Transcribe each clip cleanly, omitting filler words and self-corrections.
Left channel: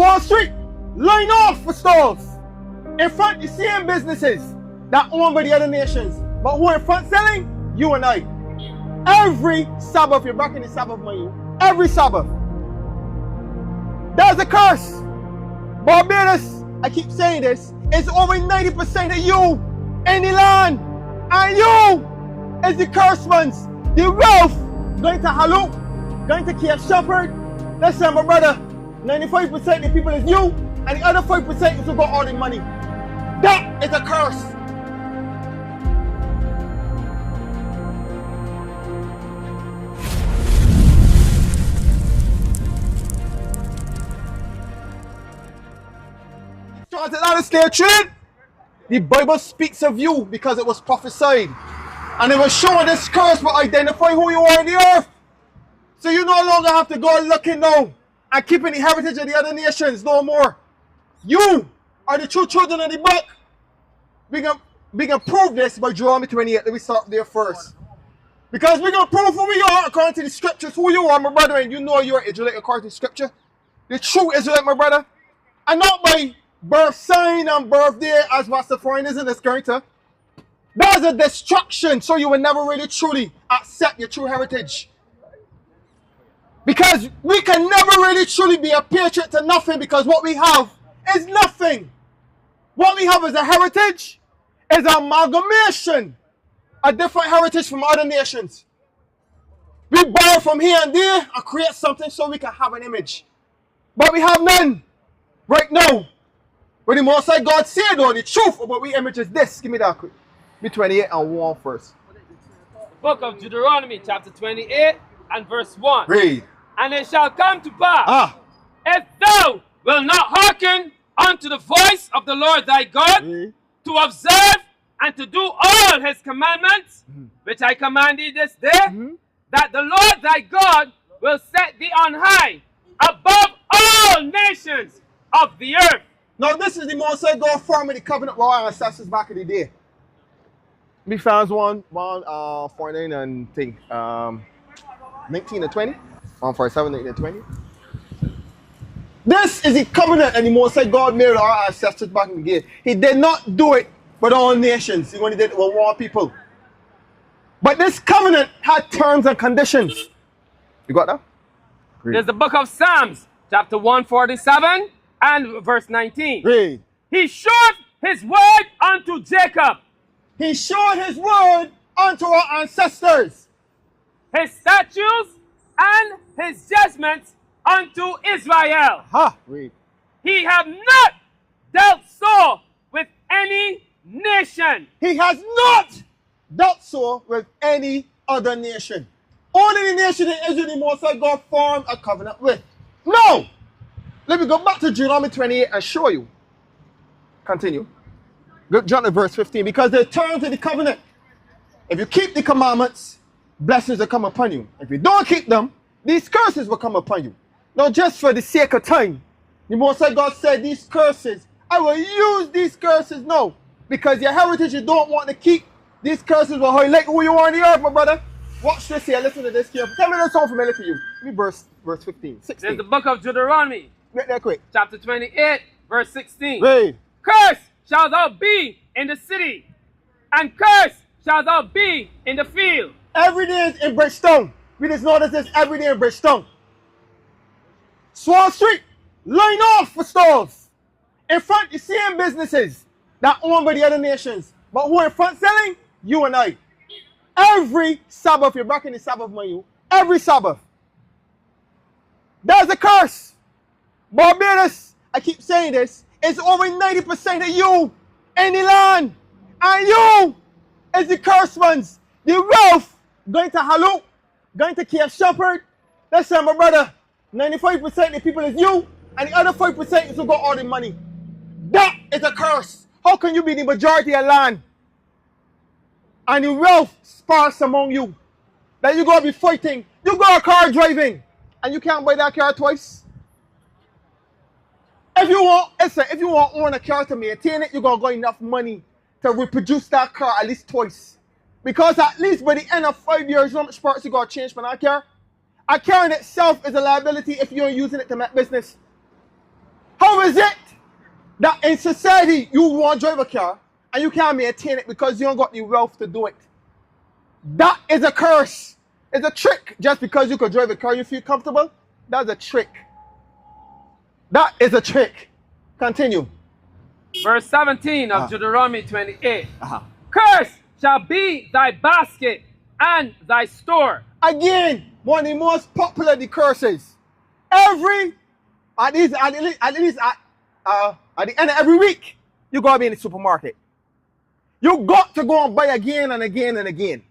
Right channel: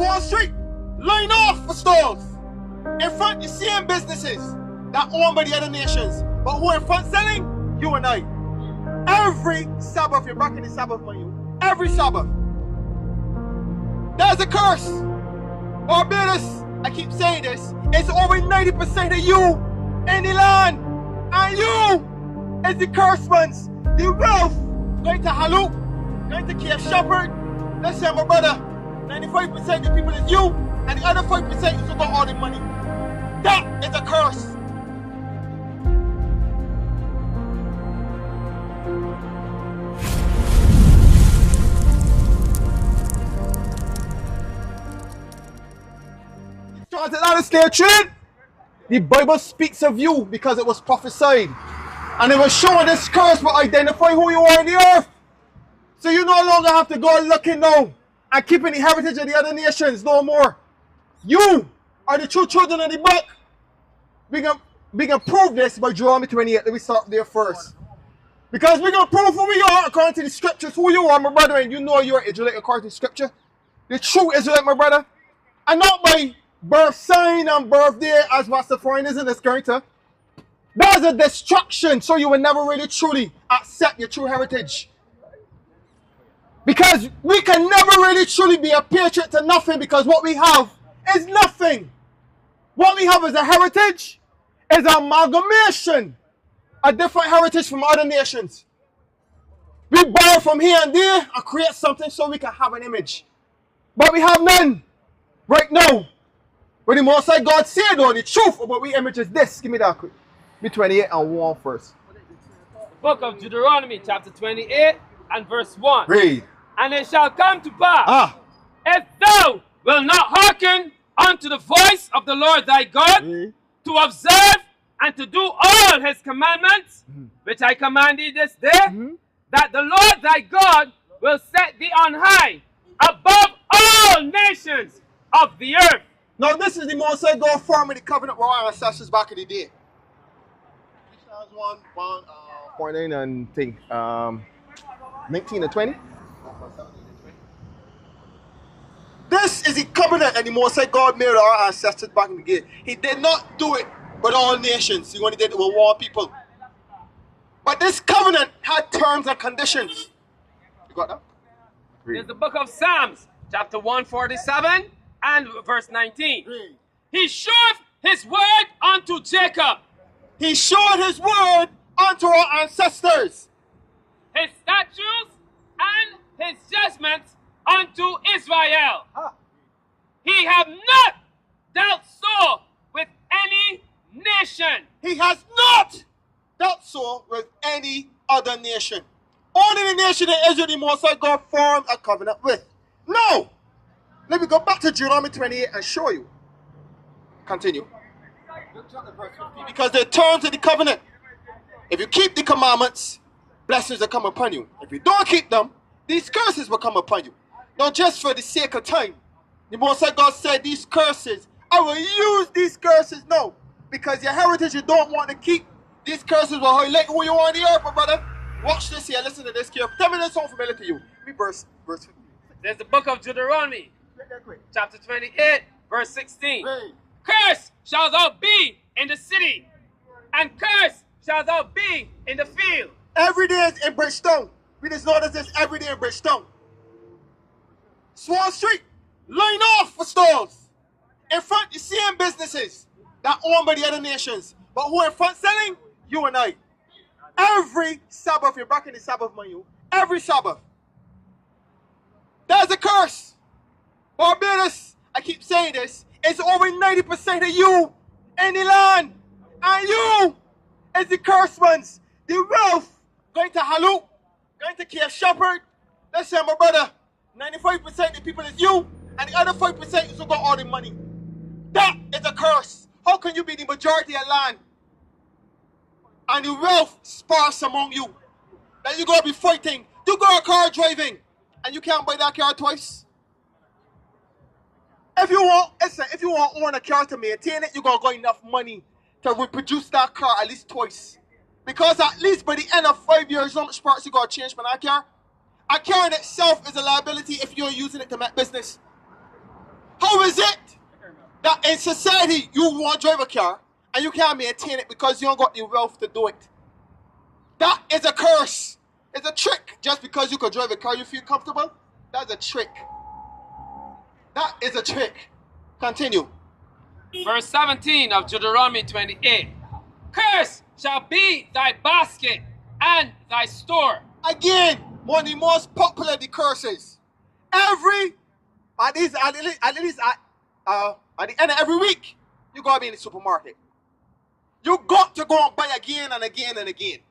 Wall Street, line off for stores. In front, the same businesses that owned by the other nations. But who in front selling? You and I. Every Sabbath, you're back in the Sabbath, money. Every Sabbath. There's a curse. Barbados, I keep saying this, it's over 90% of you in the land. And you is the cursed ones. The wealth going to Haluk, going to Cape Shepherd. Listen, my brother, 95% of the people is you, and the other 5% is who got all the money. That is a curse. Started out of slave trade. The Bible speaks of you because it was prophesied. And it was showing this curse will identify who you are on the earth. So you no longer have to go looking now and keeping the heritage of the other nations no more. You are the true children of the book. We can prove this by Deuteronomy 28. Let me start there first. Because we're going to prove who we are according to the scriptures, who you are, my brother, and you know you're Israelite according to the scripture. The true Israelite, my brother. And not by birth sign and birthday as Rastafarianism is going to. That's a distraction, so you will never really truly accept your true heritage. Because we can never really truly be a patriot to nothing, because what we have is nothing. What we have is a heritage, is an amalgamation, a different heritage from other nations. We borrow from here and there and create something so we can have an image. But we have none right now. But the Most High God said, though, the truth about we image is this. Give me that quick. Be 28 and 1 first. Book of Deuteronomy, chapter 28 and verse 1. Read. And it shall come to pass, if thou wilt not hearken unto the voice of the Lord thy God, to observe and to do all his commandments, which I command thee this day, that the Lord thy God will set thee on high above all nations of the earth. Now this is the Most High God forming the covenant with our ancestors back in the day. We found 149 and think 19 and 20. 147, 19 and 20. This is the covenant that the Most High God made with our ancestors back in the day. He did not do it with all nations. He only did it with one people. But this covenant had terms and conditions. You got that? Read. There's the book of Psalms, chapter 147 and verse 19. Read. He showed his word unto Jacob. He showed his word unto our ancestors. His statutes and his judgments unto Israel. Read. He have not dealt so with any nation. He has not dealt so with any other nation. Only the nation in Israel the Most High God formed a covenant with. No! Let me go back to Deuteronomy 28 and show you. Continue. Go jump to verse 15. Because they're terms of the covenant. If you keep the commandments, blessings will come upon you. If you don't keep them, these curses will come upon you. Now, just for the sake of time, the Most High God said these curses, I will use these curses now. Because your heritage you don't want to keep, these curses will highlight who you are on the earth, my brother. Watch this here, listen to this here. Tell me this sound familiar to you. Give me verse 15, 16. There's the book of Deuteronomy, Make that quick. chapter 28, verse 16. Read. Cursed shalt thou be in the city, and cursed shalt thou be in the field. Every day is in Bridgestone. We just notice this every day in Bridgestone. Wall Street, line off for stores. In front, the same businesses that owned by the other nations. But who in front selling? You and I. Every Sabbath, you're back in the Sabbath, man. Every Sabbath. There's a curse. Barbados, I keep saying this, it's over 90% of you in the land. And you is the cursed ones. The wealth going to Haluk, going to Cape Shepherd. Listen, my brother, 95% of the people is you, and the other 5% is who got all the money. That is a curse. How can you be the majority of land and the wealth sparse among you? That you go be fighting, you go a car driving, and you can't buy that car twice. If you want to own a car to maintain it, you're gonna got enough money to reproduce that car at least twice. Because at least by the end of 5 years, how much parts you gotta change for that car? A car in itself is a liability if you're using it to make business. How is it that in society you want to drive a car and you can't maintain it because you don't got the wealth to do it? That is a curse. It's a trick. Just because you can drive a car you feel comfortable, that's a trick. That is a trick. Continue. Verse 17 of Deuteronomy 28. Curse shall be thy basket and thy store. Again, one of the most popular the curses. At the end of every week, you gotta be in the supermarket. You got to go and buy again and again and again.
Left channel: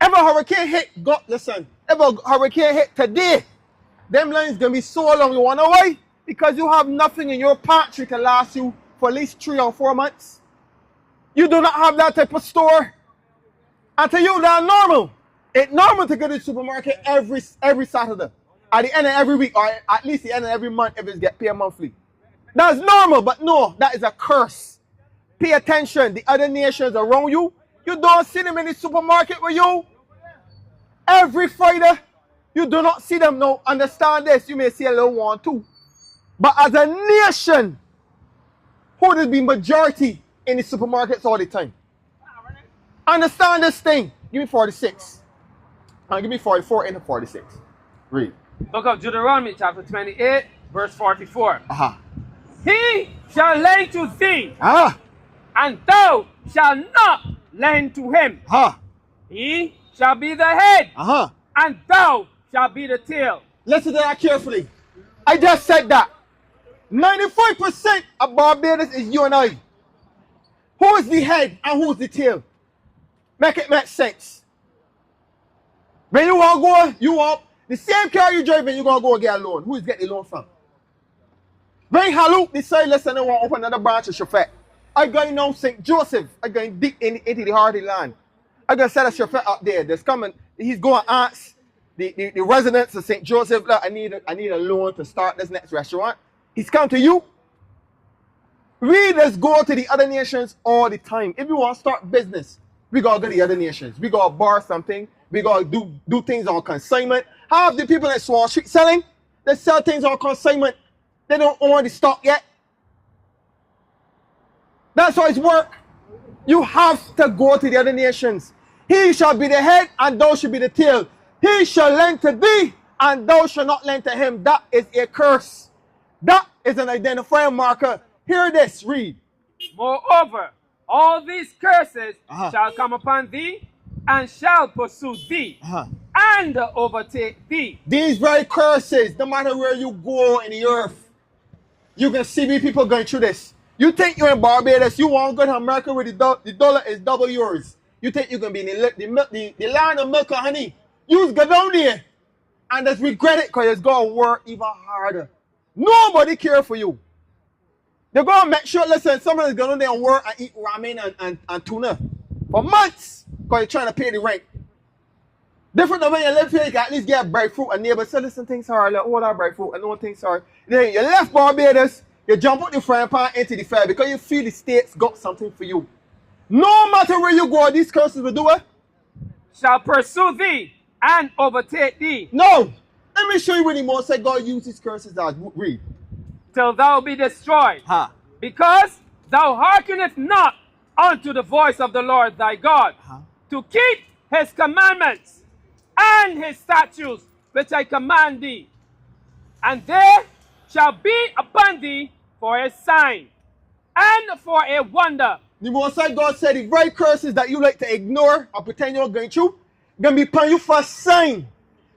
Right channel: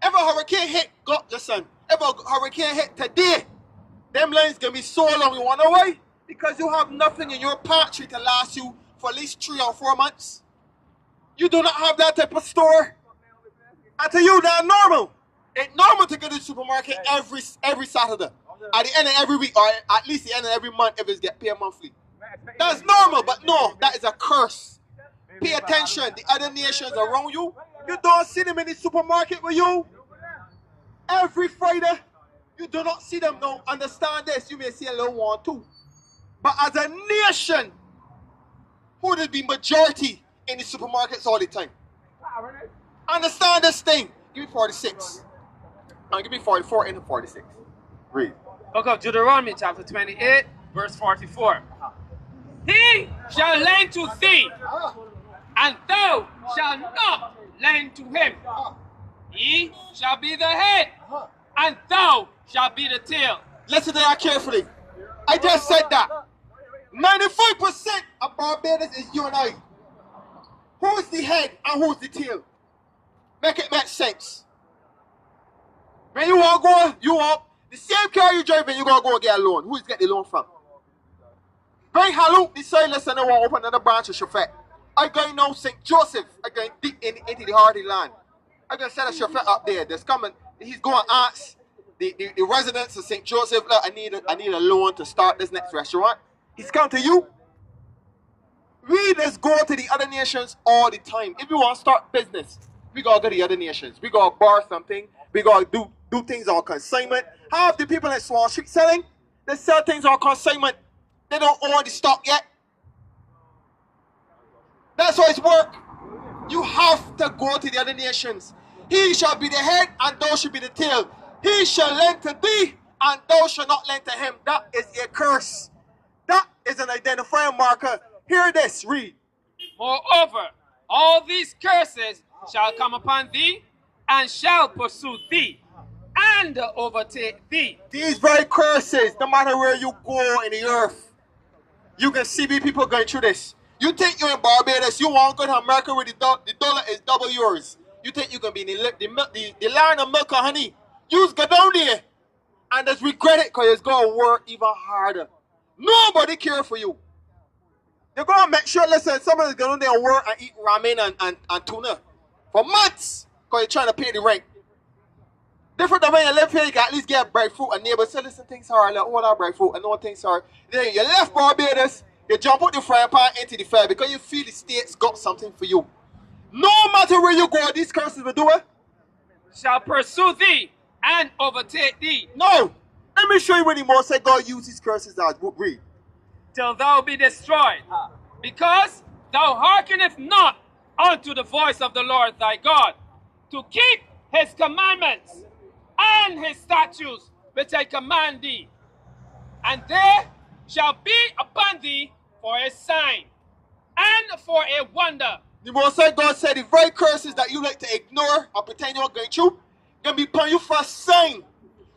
If a hurricane hit, listen, if a hurricane hit today, them lines gonna be so long. You wanna know why? Because you have nothing in your pantry to last you for at least 3 or 4 months. You do not have that type of store. And to you, that's normal. It's normal to go to the supermarket every Saturday. At the end of every week, or at least the end of every month if it's get paid monthly. That's normal, but no, that is a curse. Pay attention. The other nations around you, you don't see them in the supermarket with you. Every Friday, you do not see them. Now, understand this. You may see a little one too. But as a nation, who will be majority in the supermarkets all the time? Understand this thing. Give me 46. Give me 44 and 46. Read. Book of Deuteronomy chapter 28, verse 44. He shall lend to thee, and thou shalt not lend to him. He shall be the head, and thou shalt be the tail. Listen to that carefully. I just said that. 95% of Barbados is you and I. Who is the head and who is the tail? Make it make sense. When you want to go, you want the same car you driving, you're going to go get a loan. Who is get the loan from? When Haluk decided I want to open another branch of Shafet, I'm going now St. Joseph. I'm going deep into the heart of the land. I'm going to set a Shafet up there. There's coming. He's going to ask the residents of St. Joseph, I need a loan to start this next restaurant. He's come to you. We just go to the other nations all the time. If we want to start business, we got to go to the other nations. We got to borrow something. We got to do things on consignment. Half the people at Wall Street selling, they sell things on consignment. They don't own the stock yet. That's how it's work. You have to go to the other nations. He shall be the head and thou shall be the tail. He shall lend to thee and thou shalt not lend to him. That is a curse. That is an identifying marker. Hear this, read. Moreover, all these curses shall come upon thee and shall pursue thee and overtake thee. These very curses, no matter where you go in the earth, you can see me people going through this. You think you're in Barbados, you want to go to America where the dollar is double yours. You think you can be in the land of milk and honey. You go down there and just regret it because it's going to work even harder. Nobody care for you. They're going to make sure, listen, somebody's going there and work and eat ramen and tuna for months because you're trying to pay the rent. Different than when you live here, you can at least get breadfruit and neighbors say, listen, things hard, like, hold on, breadfruit, and no one thinks hard. Then you left Barbados, you jump out the frying pan into the fire because you feel the states got something for you. No matter where you go, these curses will do it. Shall pursue thee and overtake thee. No. Let me show you when the Most High God used his curses as. Read. Till thou be destroyed. Because thou hearkenest not unto the voice of the Lord thy God, to keep his commandments and his statutes which I command thee. And they shall be upon thee for a sign and for a wonder. The Most High God said the very curses that you like to ignore or pretend you're going through, going to be upon you for a sign.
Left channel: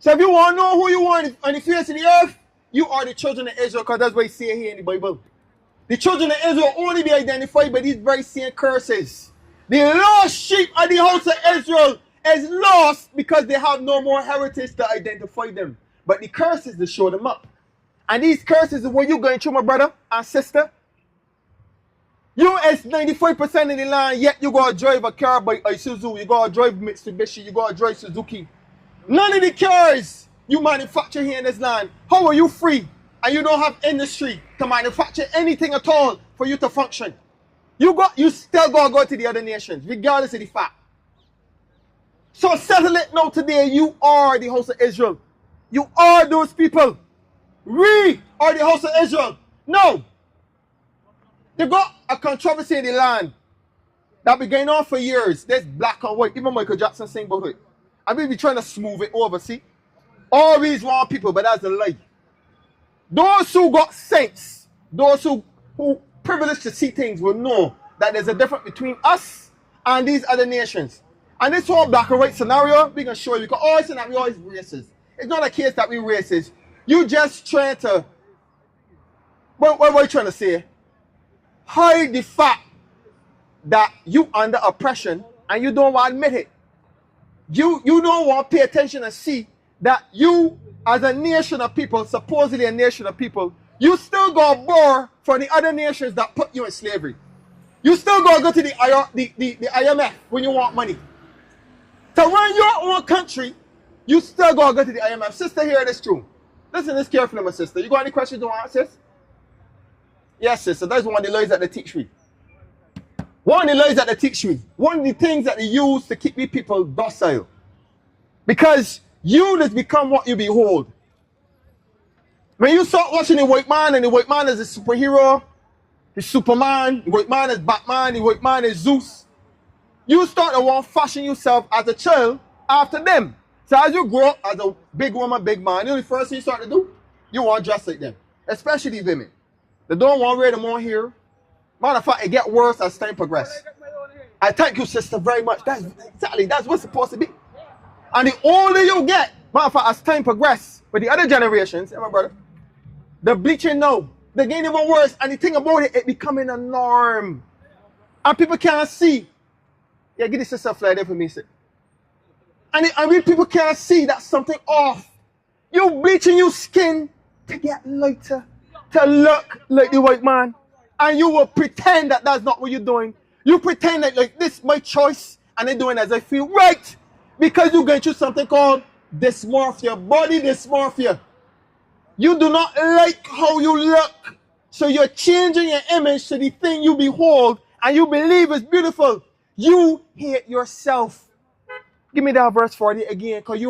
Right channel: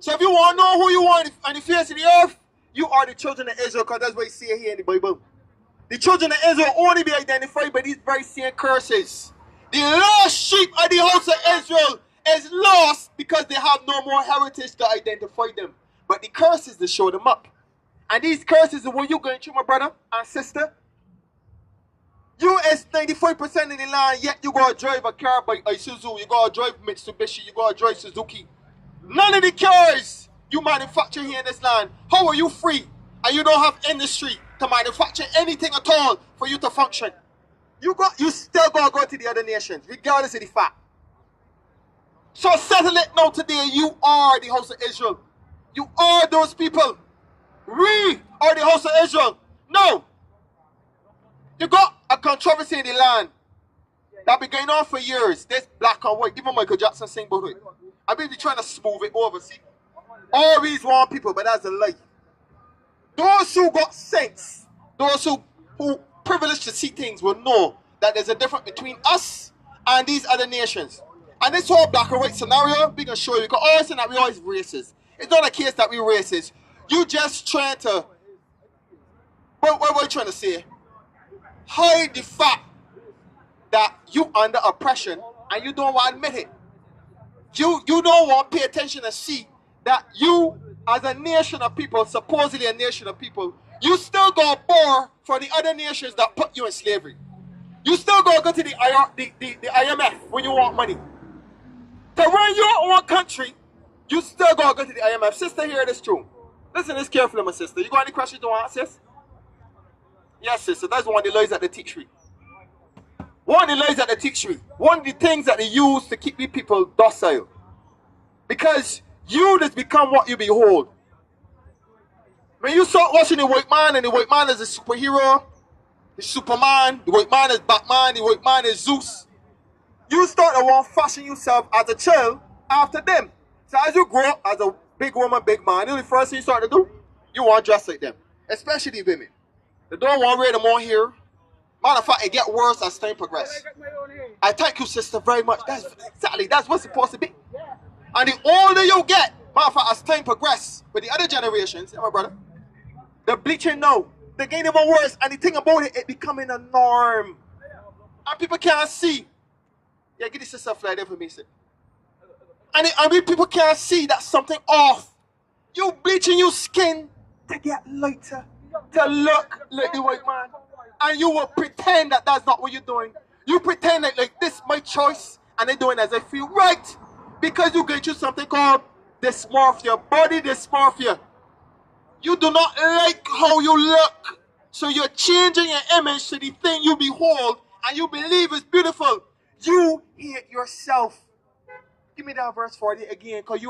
So if you want to know who you are on the face of the earth, you are the children of Israel, because that's what you see here in the Bible. The children of Israel only be identified by these very same curses. The lost sheep of the house of Israel is lost because they have no more heritage to identify them. But the curses, they show them up. And these curses are what you're going through, my brother and sister. You is 95% in the line, yet you got to drive a car by Isuzu, you got to drive Mitsubishi, you got to drive Suzuki. None of the cars you manufacture here in this land, how are you free? And you don't have industry to manufacture anything at all for you to function. You still got to go to the other nations, regardless of the fact. So settle it now today, you are the house of Israel. You are those people. We are the house of Israel. No. They got a controversy in the land that been going on for years. There's black and white. Even Michael Jackson sing about it. I mean, we trying to smooth it over, see? All these one people, but that's a lie. Those who got sense, those who privileged to see things will know that there's a difference between us and these other nations. And this whole black and white scenario, we can show you. We can always say that we always racist. It's not a case that we racist. You just trying to, what are you trying to say? Hide the fact that you under oppression and you don't want to admit it. You don't want to pay attention and see that you, as a nation of people, supposedly a nation of people, you still go bore for the other nations that put you in slavery. You still go to the IMF when you want money. To run your own country, you still go to the IMF. Sister, hear this too. Listen this carefully, my sister. You got any questions you want, sis? Yes, sister. That's one of the lies that they teach me. One of the lies that they teach me. One of the things that they use to keep you people docile. Because you just become what you behold. When you start watching the white man, and the white man is a superhero, he's Superman, the white man is Batman, the white man is Zeus, you start to want to fashion yourself as a child after them. So as you grow up as a big woman, big man, the first thing you start to do, you want to dress like them. Especially women. They don't want to wear them on here. Matter of fact, it gets worse as time progresses. I thank you, sister, very much. That's what's supposed to be. And the older you get, matter of fact, as time progresses, with the other generations, my brother, the bleaching now, they're getting even worse. And the thing about it, it's becoming a norm. And people can't see. Yeah, get this sister fly there for me, sir. And people can't see that something off. You bleaching your skin to get lighter, to look like the white man. And you will pretend that that's not what you're doing. You pretend that like this is my choice and I'm doing as I feel right. Because you're going through something called dysmorphia, body dysmorphia. You do not like how you look. So you're changing your image to the thing you behold and you believe is beautiful. You hate yourself. Give me that verse 40 again, because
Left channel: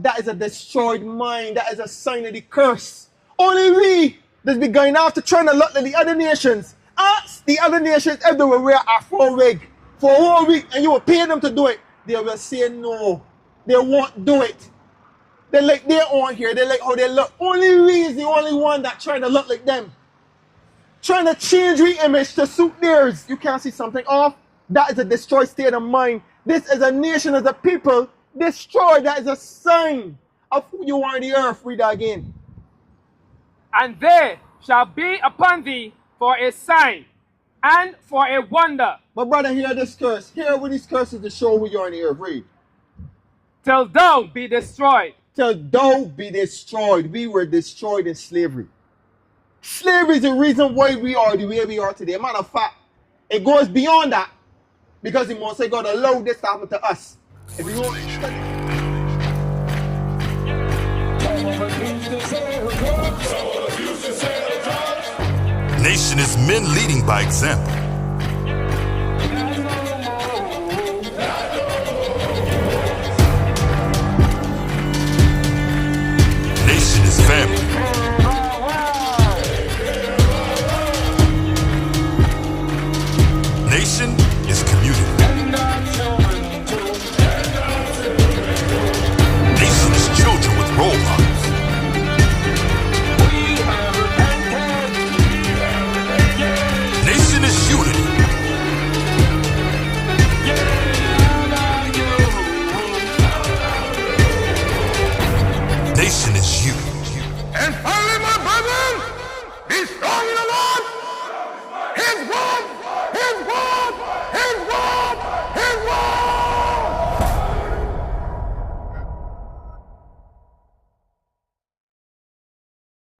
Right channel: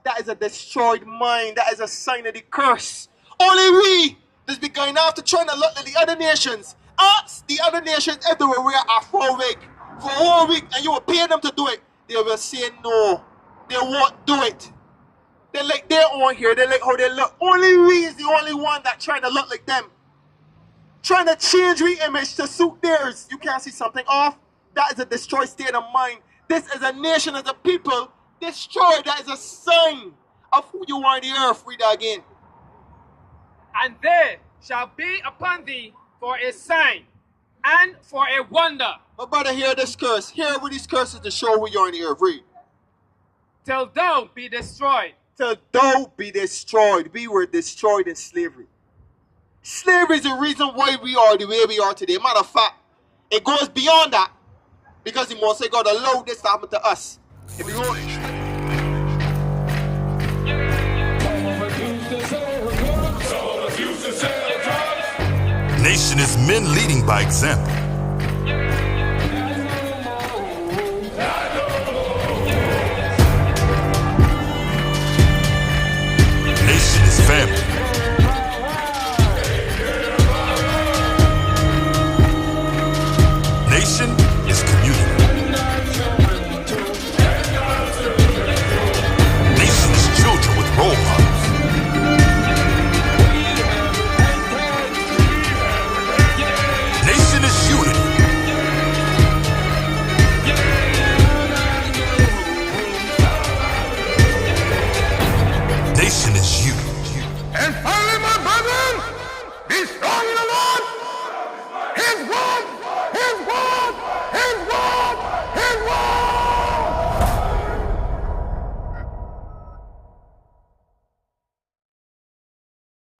that is a destroyed mind. That is a sign of the curse. Only we that's been going after trying to look like the other nations. Ask the other nations if they will wear a full wig for a whole week and you will pay them to do it. They will say no. They won't do it. They like their own hair. They like how they look. Only we is the only one that trying to look like them. Trying to change the image to suit theirs. You can't see something off. That is a destroyed state of mind. This is a nation, as a people, destroyed. That is a sign of who you are on the earth. Read that again. And they shall be upon thee for a sign and for a wonder. My brother, hear this curse. Hear what these curses to show who you are on the earth. Read. Till thou be destroyed. Till thou be destroyed. We were destroyed in slavery. Slavery is the reason why we are the way we are today. Matter of fact, it goes beyond that. Because the Most High God allowed this to happen to us. If you know Nation is men leading by example. Nation is family. Nation